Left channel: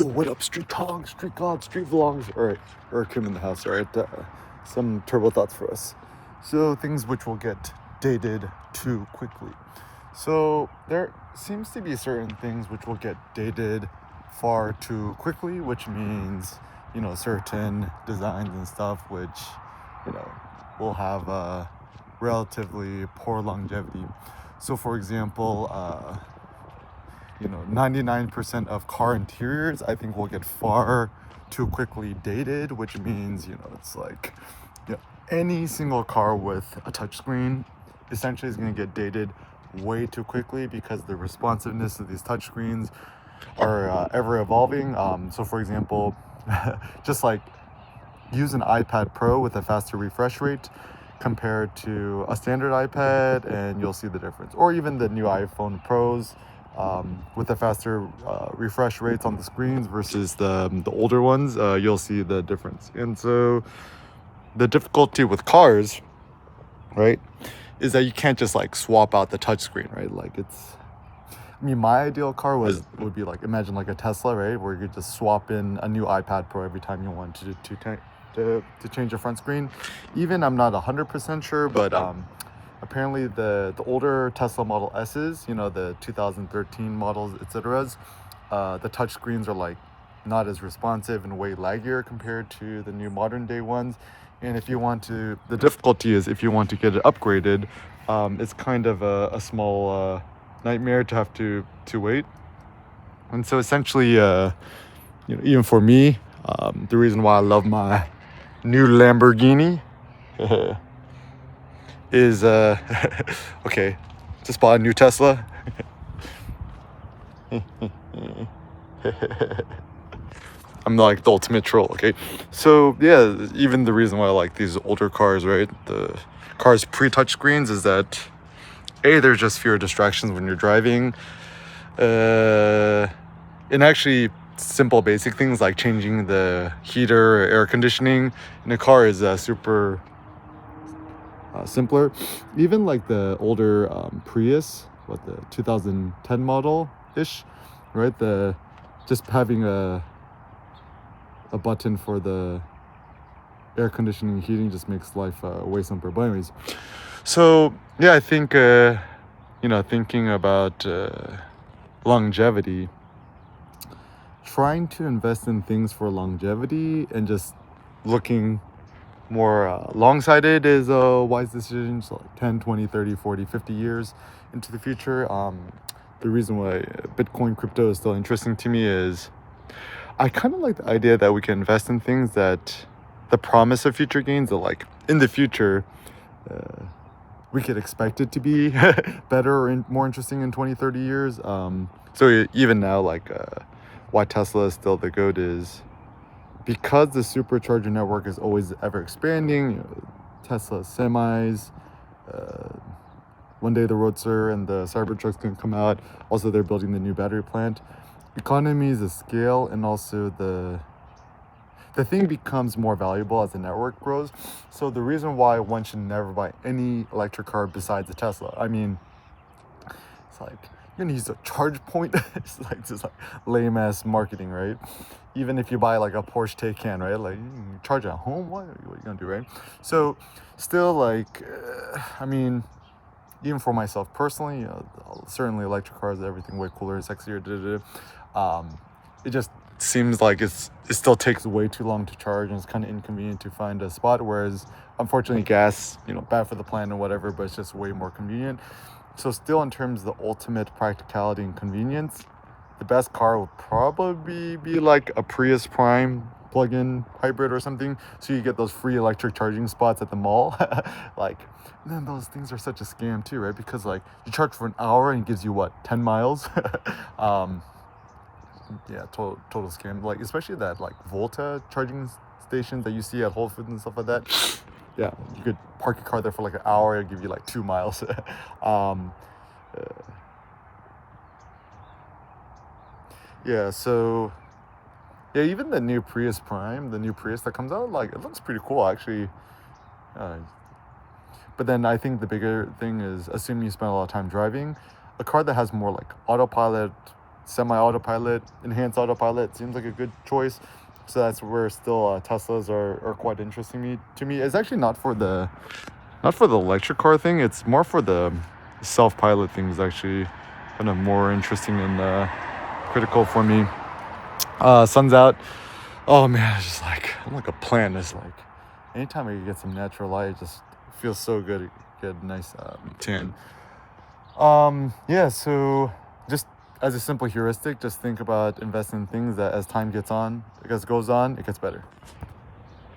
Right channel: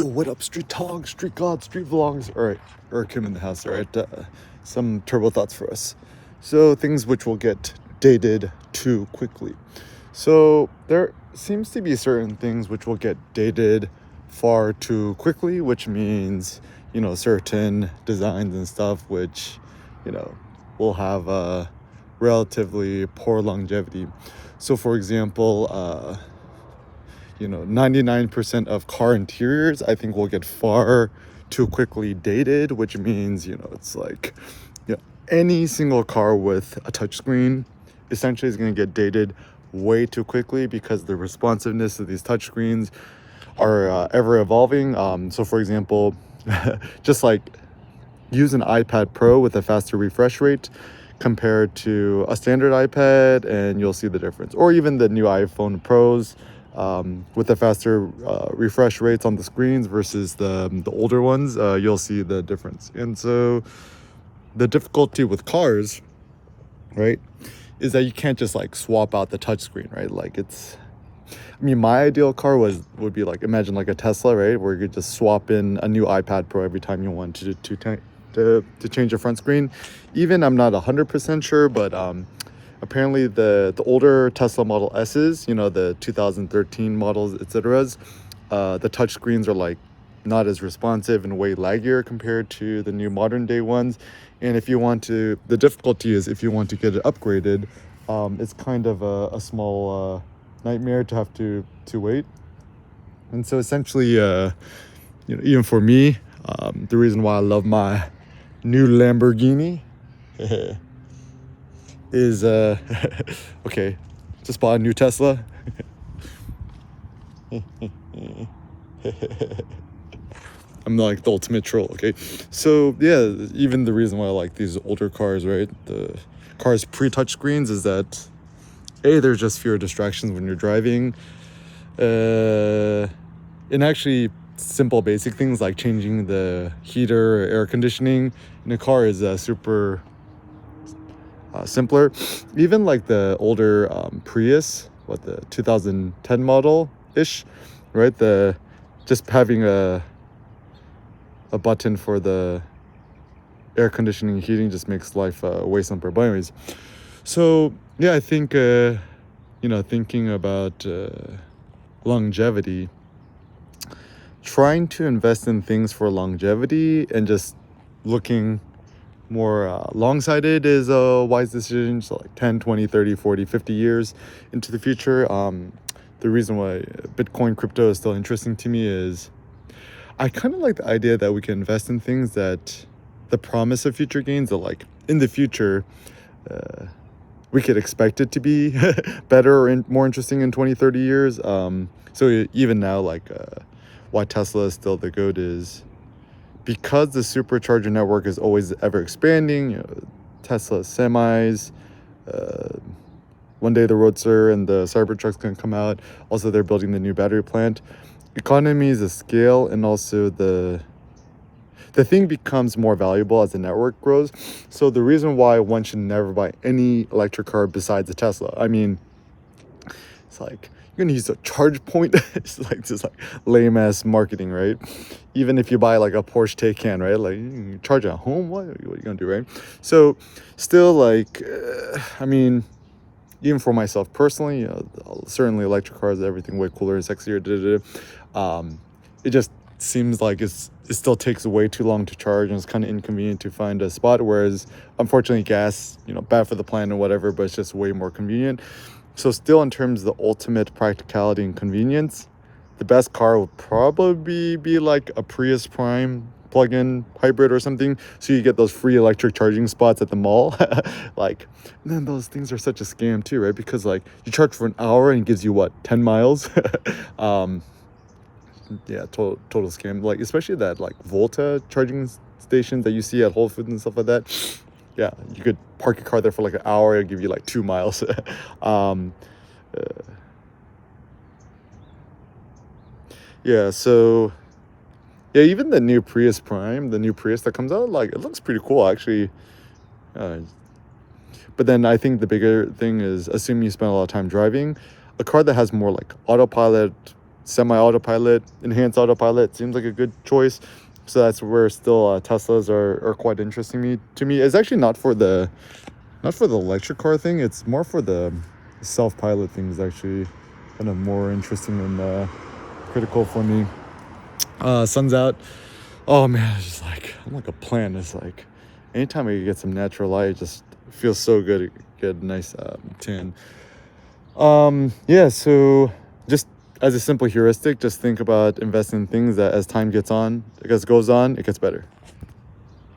Yo, what up, street talk, street god, street vlogs? All right, or Kim in the house. All right, some turbo thoughts for us. So things which will get dated too quickly. So there seems to be certain things which will get dated far too quickly, which means, certain designs and stuff which, will have a relatively poor longevity. So for example, 99% of car interiors I think will get far too quickly dated, which means, it's like, any single car with a touchscreen essentially is going to get dated way too quickly because the responsiveness of these touchscreens are ever evolving. So for example, just like use an iPad Pro with a faster refresh rate compared to a standard iPad and you'll see the difference, or even the new iPhone Pros with the faster refresh rates on the screens versus the older ones, you'll see the difference. And so the difficulty with cars, right, is that you can't just like swap out the touchscreen, right? Like my ideal car would be like, imagine like a Tesla, right, where you could just swap in a new iPad Pro every time you want to change your front screen. Even I'm not 100% sure, but apparently the older Tesla Model S's, the 2013 models, etc., the touch screens are like not as responsive and way laggier compared to the new modern day ones. And the difficulty is if you want to get it upgraded, it's kind of a small nightmare to have to wait. And so essentially, even for me, the reason why I love my new Lamborghini is okay, just bought a new Tesla. I'm like the ultimate troll, okay? So yeah, even the reason why I like these older cars, right, the cars pre-touch screens, is that there's just fewer distractions when you're driving, and actually simple basic things like changing the heater or air conditioning in a car is super simpler. Even like the older Prius, the 2010 model ish, right, just having a button for the air conditioning and heating just makes life way simpler. But anyways, so yeah, I think thinking about longevity, trying to invest in things for longevity and just looking more long-sighted is a wise decision. So like 10, 20, 30, 40, 50 years into the future. The reason why Bitcoin crypto is still interesting to me is I kind of like the idea that we can invest in things that the promise of future gains, that like in the future we could expect it to be better and more interesting in 20, 30 years. So even now, like why Tesla is still the GOAT is because the supercharger network is always ever expanding. Tesla semis, one day the Roadster and the Cybertruck's going to come out. Also, they're building the new battery plant. Economies of scale, and also the thing becomes more valuable as the network grows. So the reason why one should never buy any electric car besides a Tesla, I mean, it's like you're gonna use a charge point. It's like just like lame ass marketing, right? Even if you buy like a Porsche Taycan, right, like you charge at home, what are you gonna do, right? So still, like I mean, even for myself personally, certainly electric cars, everything way cooler and sexier. It just seems like it still takes way too long to charge, and it's kind of inconvenient to find a spot. Whereas, unfortunately, gas, bad for the planet and whatever, but it's just way more convenient. So, still, in terms of the ultimate practicality and convenience, the best car would probably be like a Prius Prime plug-in hybrid or something, so you get those free electric charging spots at the mall. Like, man, those things are such a scam too, right? Because like you charge for an hour and it gives you what, 10 miles. Yeah, total scam. Like especially that like Volta charging stations that you see at Whole Foods and stuff like that. Yeah, you could park your car there for like an hour and give you like 2 miles. Yeah, so yeah, even the new Prius Prime, the new Prius that comes out, like it looks pretty cool actually. But then I think the bigger thing is, assuming you spend a lot of time driving, a car that has more like autopilot semi-autopilot, enhanced autopilot seems like a good choice. So that's where still Teslas are quite interesting to me. It's actually not for the electric car thing. It's more for the self-pilot things, actually kind of more interesting and critical for me. Sun's out. Oh man, it's just like I'm like a plant. It's like anytime I get some natural light, it just feels so good. Get a nice tan. Yeah, so just as a simple heuristic, just think about investing in things that as time goes on, it gets better.